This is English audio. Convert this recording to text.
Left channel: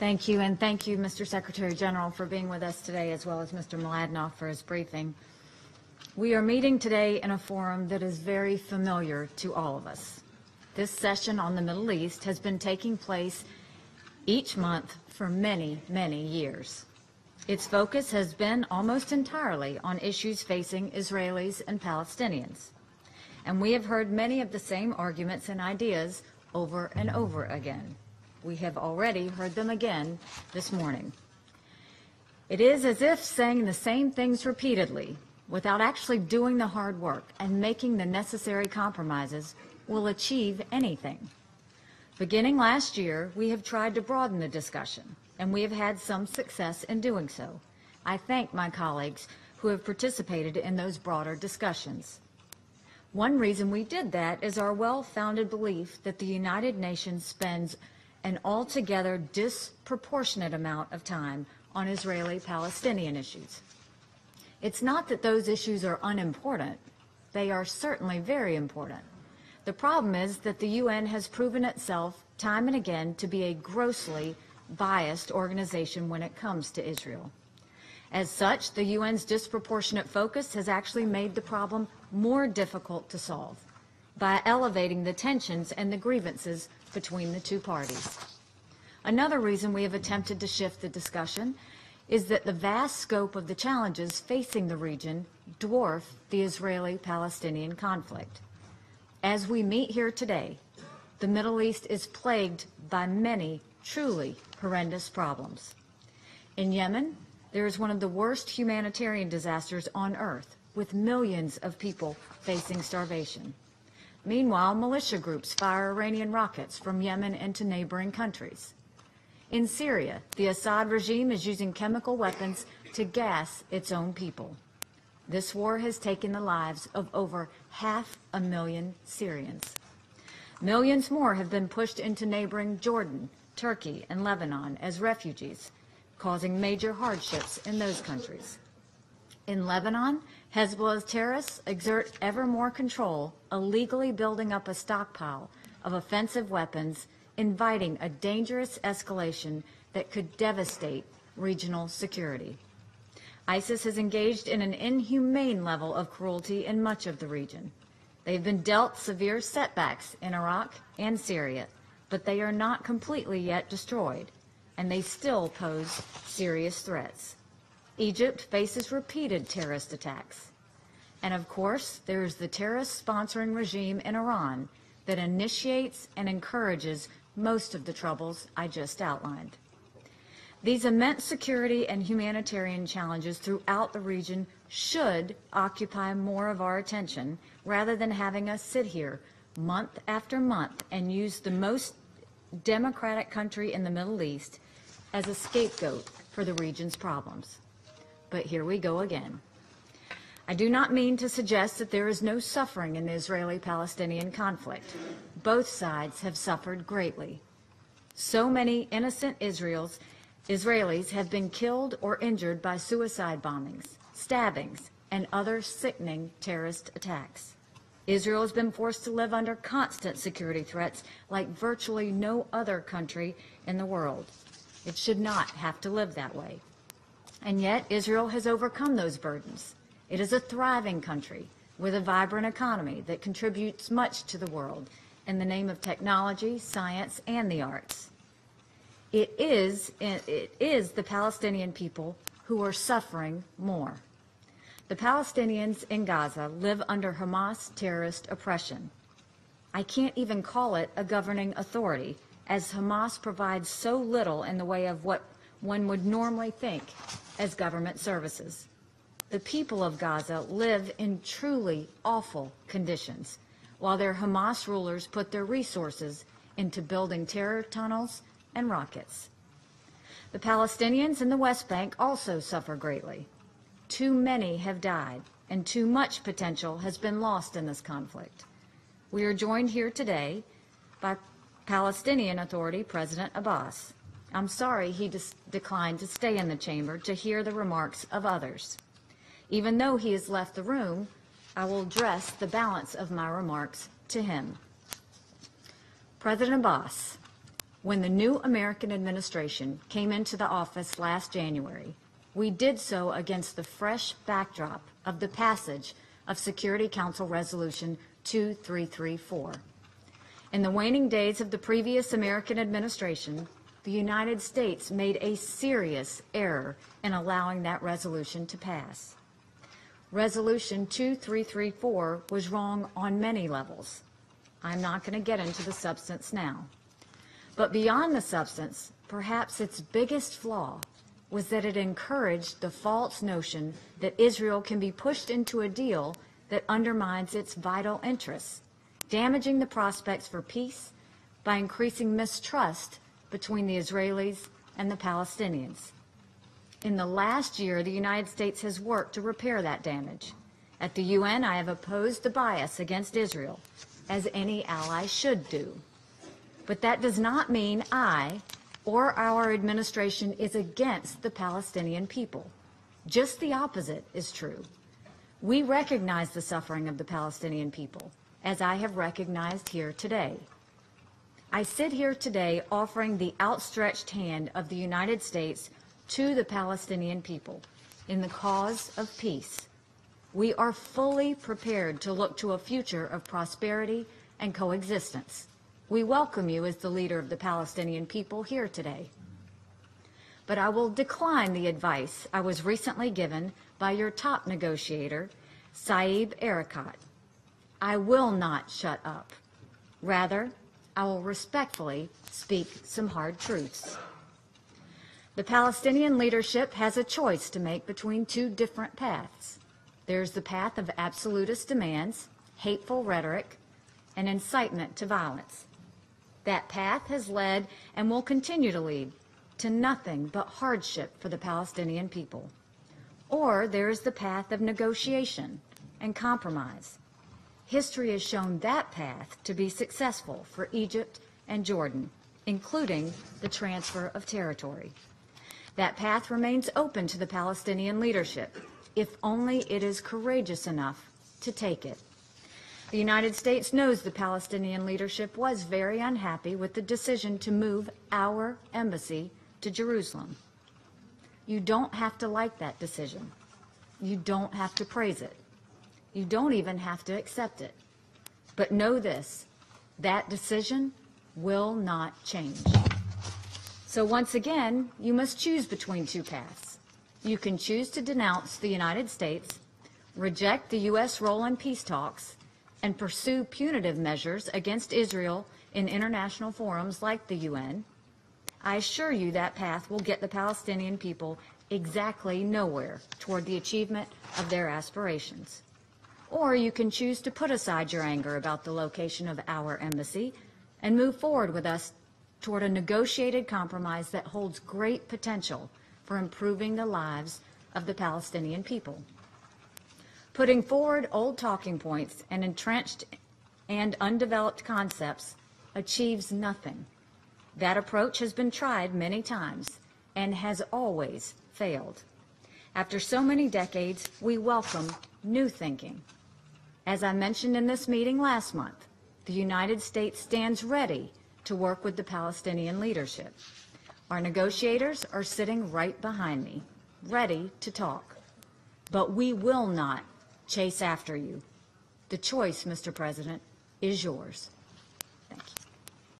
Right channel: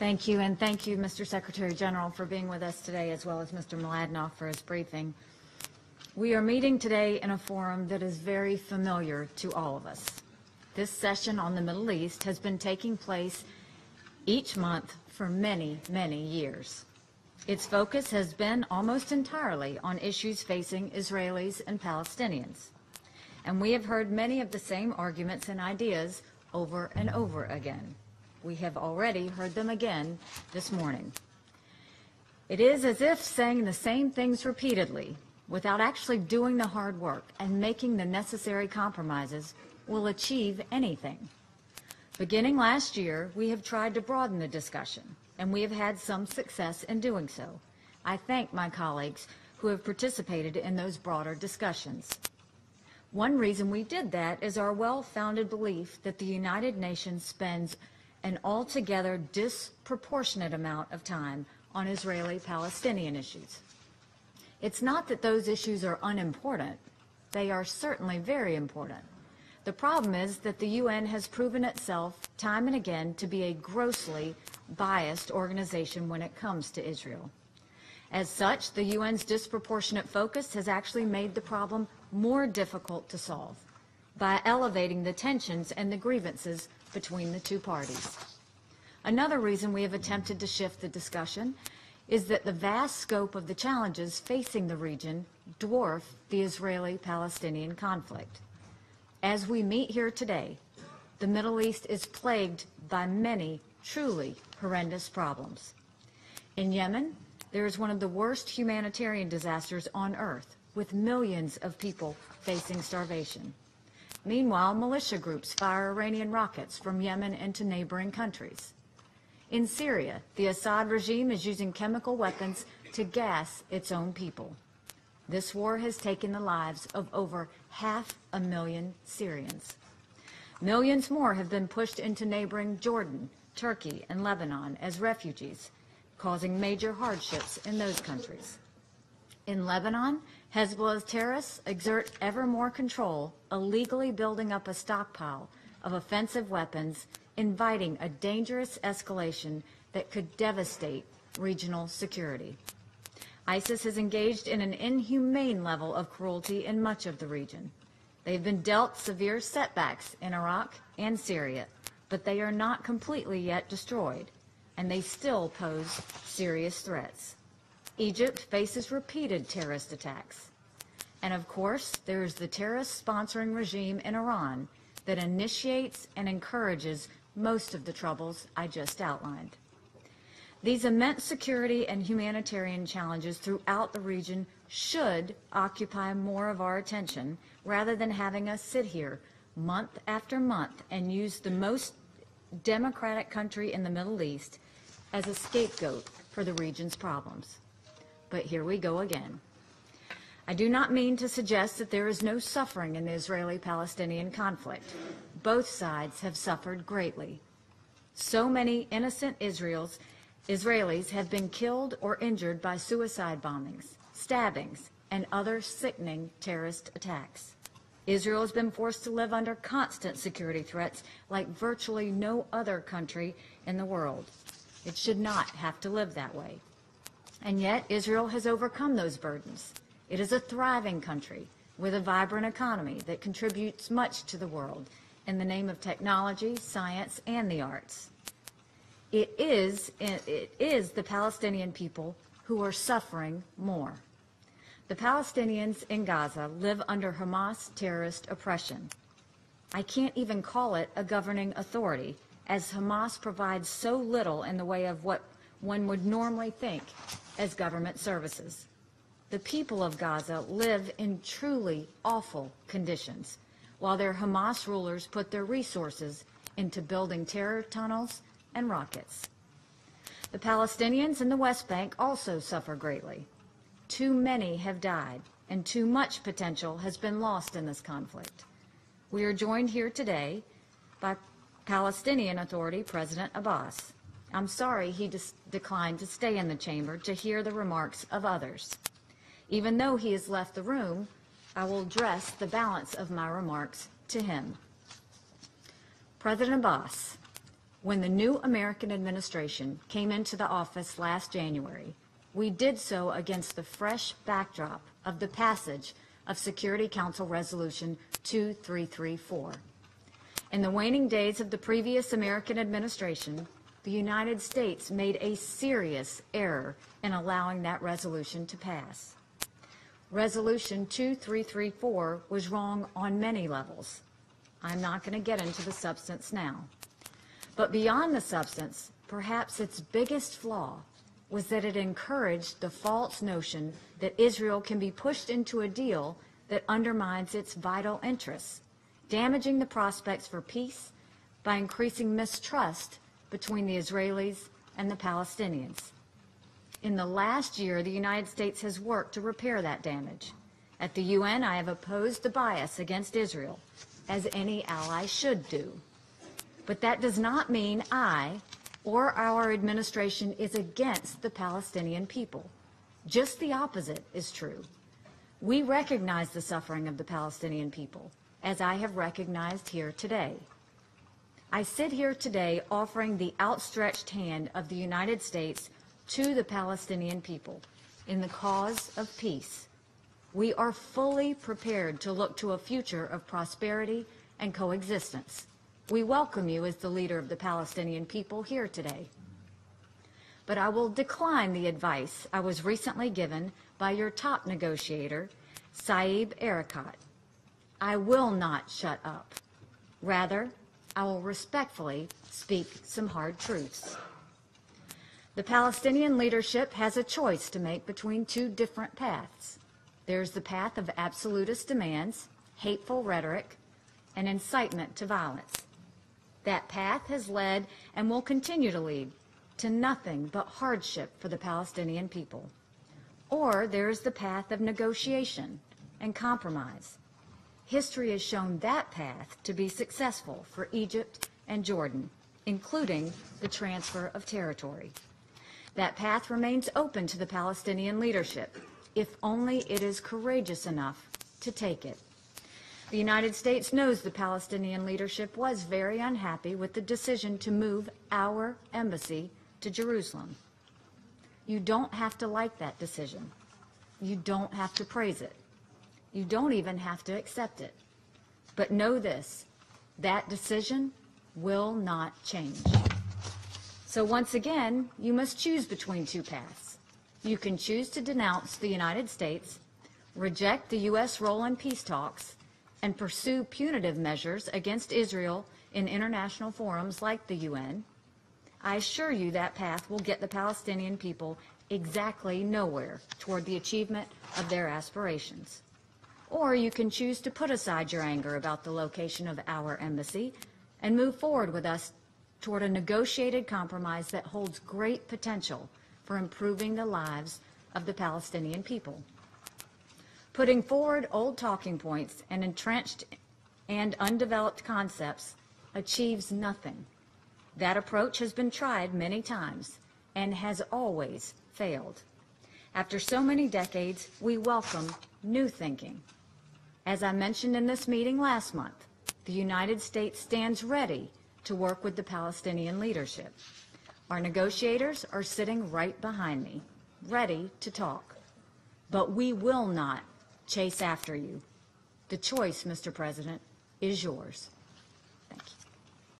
Thank you, and thank you, Mr. Secretary General, for being with us today, as well as Mr. Mladenoff for his briefing. We are meeting today in a forum that is very familiar to all of us. This session on the Middle East has been taking place each month for many, many years. Its focus has been almost entirely on issues facing Israelis and Palestinians. And we have heard many of the same arguments and ideas over and over again. We have already heard them again this morning. It is as if saying the same things repeatedly without actually doing the hard work and making the necessary compromises will achieve anything. Beginning last year, we have tried to broaden the discussion, and we have had some success in doing so. I thank my colleagues who have participated in those broader discussions. One reason we did that is our well-founded belief that the United Nations spends an altogether disproportionate amount of time on Israeli-Palestinian issues. It's not that those issues are unimportant. They are certainly very important. The problem is that the UN has proven itself time and again to be a grossly biased organization when it comes to Israel. As such, the UN's disproportionate focus has actually made the problem more difficult to solve by elevating the tensions and the grievances between the two parties. Another reason we have attempted to shift the discussion is that the vast scope of the challenges facing the region dwarf the Israeli-Palestinian conflict. As we meet here today, the Middle East is plagued by many truly horrendous problems. In Yemen, there is one of the worst humanitarian disasters on earth, with millions of people facing starvation. Meanwhile, militia groups fire Iranian rockets from Yemen into neighboring countries. In Syria, the Assad regime is using chemical weapons to gas its own people. This war has taken the lives of over 500,000 Syrians. Millions more have been pushed into neighboring Jordan, Turkey, and Lebanon as refugees, causing major hardships in those countries. In Lebanon, Hezbollah's terrorists exert ever more control, illegally building up a stockpile of offensive weapons, inviting a dangerous escalation that could devastate regional security. ISIS has engaged in an inhumane level of cruelty in much of the region. They've been dealt severe setbacks in Iraq and Syria, but they are not completely yet destroyed, and they still pose serious threats. Egypt faces repeated terrorist attacks. And of course, there is the terrorist-sponsoring regime in Iran that initiates and encourages most of the troubles I just outlined. These immense security and humanitarian challenges throughout the region should occupy more of our attention rather than having us sit here month after month and use the most democratic country in the Middle East as a scapegoat for the region's problems. But here we go again. I do not mean to suggest that there is no suffering in the Israeli-Palestinian conflict. Both sides have suffered greatly. So many innocent Israelis have been killed or injured by suicide bombings, stabbings, and other sickening terrorist attacks. Israel has been forced to live under constant security threats like virtually no other country in the world. It should not have to live that way. And yet, Israel has overcome those burdens. It is a thriving country with a vibrant economy that contributes much to the world in the name of technology, science, and the arts. It is the Palestinian people who are suffering more. The Palestinians in Gaza live under Hamas terrorist oppression. I can't even call it a governing authority, as Hamas provides so little in the way of what one would normally think as government services. The people of Gaza live in truly awful conditions, while their Hamas rulers put their resources into building terror tunnels and rockets. The Palestinians in the West Bank also suffer greatly. Too many have died, and too much potential has been lost in this conflict. We are joined here today by Palestinian Authority President Abbas. I'm sorry he declined to stay in the chamber to hear the remarks of others. Even though he has left the room, I will address the balance of my remarks to him. President Abbas, When the new American administration came into the office last January, we did so against the fresh backdrop of the passage of Security Council Resolution 2334. In the waning days of the previous American administration, the United States made a serious error in allowing that resolution to pass. Resolution 2334 was wrong on many levels. I'm not going to get into the substance now. But beyond the substance, perhaps its biggest flaw was that it encouraged the false notion that Israel can be pushed into a deal that undermines its vital interests, damaging the prospects for peace by increasing mistrust between the Israelis and the Palestinians. In the last year, the United States has worked to repair that damage. At the UN, I have opposed the bias against Israel, as any ally should do. But that does not mean I or our administration is against the Palestinian people. Just the opposite is true. We recognize the suffering of the Palestinian people, as I have recognized here today. I sit here today offering the outstretched hand of the United States to the Palestinian people in the cause of peace. We are fully prepared to look to a future of prosperity and coexistence. We welcome you as the leader of the Palestinian people here today. But I will decline the advice I was recently given by your top negotiator, Saeb Erekat. I will not shut up. Rather, I will respectfully speak some hard truths. The Palestinian leadership has a choice to make between two different paths. There's the path of absolutist demands, hateful rhetoric, and incitement to violence. That path has led and will continue to lead to nothing but hardship for the Palestinian people. Or there is the path of negotiation and compromise. History has shown that path to be successful for Egypt and Jordan, including the transfer of territory. That path remains open to the Palestinian leadership, if only it is courageous enough to take it. The United States knows the Palestinian leadership was very unhappy with the decision to move our embassy to Jerusalem. You don't have to like that decision. You don't have to praise it. You don't even have to accept it. But know this, that decision will not change. So once again, you must choose between two paths. You can choose to denounce the United States, reject the U.S. role in peace talks, and pursue punitive measures against Israel in international forums like the UN. I assure you that path will get the Palestinian people exactly nowhere toward the achievement of their aspirations. Or you can choose to put aside your anger about the location of our embassy and move forward with us toward a negotiated compromise that holds great potential for improving the lives of the Palestinian people. Putting forward old talking points and entrenched and undeveloped concepts achieves nothing. That approach has been tried many times and has always failed. After so many decades, we welcome new thinking. As I mentioned in this meeting last month, the United States stands ready to work with the Palestinian leadership. Our negotiators are sitting right behind me, ready to talk. But we will not chase after you. The choice, Mr. President, is yours. Thank you.